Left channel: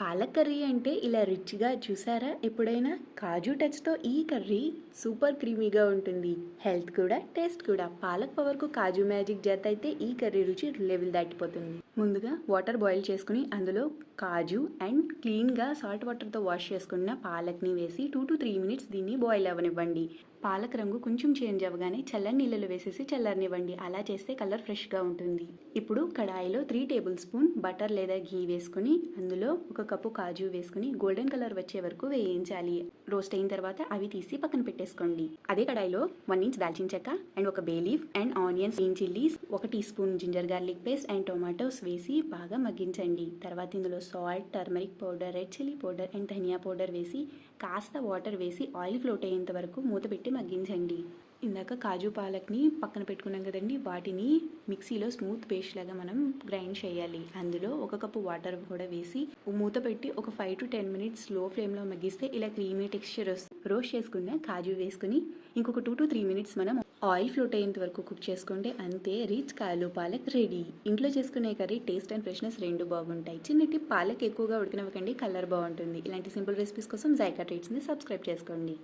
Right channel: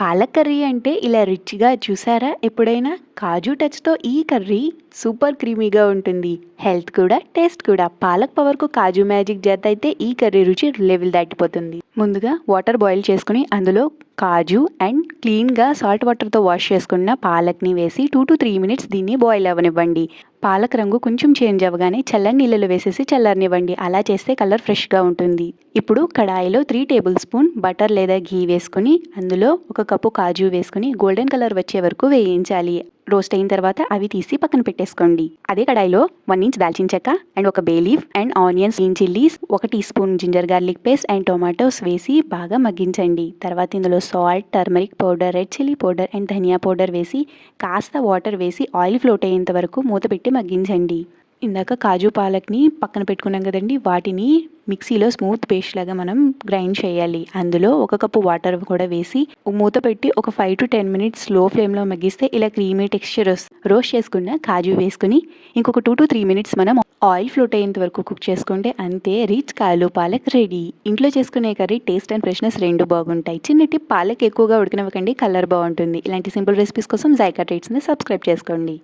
Palak curry అంటే ఇలా రిచ్‌గా చూసారా ఎప్పుడైనా? కాజు టచ్‌తో ఈ కర్రీ సూపర్ క్రీమీగా ఉంటుంది. హెల్త్ కూడా, టేస్ట్ కూడా. పాలక్ పవర్‌కు కాజు మ్యాజిక్ జతైతే ఈ కర్రీ రుచి లెవెల్ దాటిపోతుంది. ముందుగా వాటర్ బాయిల్ చేసుకొని అందులో కాజు అండ్ క్లీన్‌గా సాల్ట్ వాటర్‌తో వాష్ చేసుకున్న పాలక్‌ని వేసి 2-3 మినిట్స్ దీన్ని బాయిల్ అవ్వనివ్వండి. పాలక్ రంగు కొంచెం చేంజ్ అవ్వగానే చల్లని నీళ్ళలో వేసేసి చల్లారనివ్వండి. అలా చేస్తే కలర్ ఫ్రెష్‌గా ఉంటుంది. ఇప్పుడు కడాయిలో 3 టేబుల్ స్పూన్ బటర్ లేదా ఘీ వేసుకొని అందులో ఒక కప్పు కాజు వేసుకొని గోల్డెన్ కలర్ వచ్చే వరకు వేయించాలి. రోస్ట్ అయిన తర్వాత అవి తీసి పక్కన పెట్టేసుకోండి. అదే కడాయిలో 1 ఇంచ్ దాల్చిన చెక్క అండ్ ఒక bay leaf and onions, green chillies, 1 teaspoon ginger garlic paste and tomatoes వేసి బాగా మగ్గించండి. తర్వాత ఇందులో salt, turmeric powder, red chilli powder and ధనియా పౌడర్ వేసి కాస్త వాటర్ వేసి ఆయిల్ ఫ్లోట్ అయ్యేంత వరకు మూత పెట్టి మగ్గించండి. ఇందాక కాజు పాలక్ని పక్కన పెట్టుకున్నాం కదండి, వాటిని మిక్సీలో స్మూత్ పేస్ట్ లాగా మనం గ్రైండ్ చేయాలి. అందులో ఒక కప్పు వాటర్ కూడా వేసి మూత పెట్టి ఒక 5-10 మినిట్స్ స్లో ఫ్లేమ్లో మగ్గిస్తే ఇలా క్రీమీ టెక్స్చర్ వస్తుంది. రోస్ట్ చేసుకున్న కాజు వేసుకుని ఇంకొక 2-3 మినిట్స్ మనం ఆయిల్ ఫ్లోట్ అయ్యేంత వరకు కుక్ చేసుకుంటే అంతే, రిచ్ కాజు పాలక్ రెడీ. ఇంట్లో చేసుకునే కర్రీ టేస్ట్ అండ్ ఫ్రెష్నెస్ రెండు బాగుంటాయి. చిన్న టిప్, పాలక్ ఎక్కువగా ఉడకనివ్వకండి, కలర్ బాగుంటుంది. ఇలాంటి సింపుల్ రెసిపీస్ కోసం జైకా ట్రీట్స్ని సబ్స్క్రైబ్ చేసుకోండి.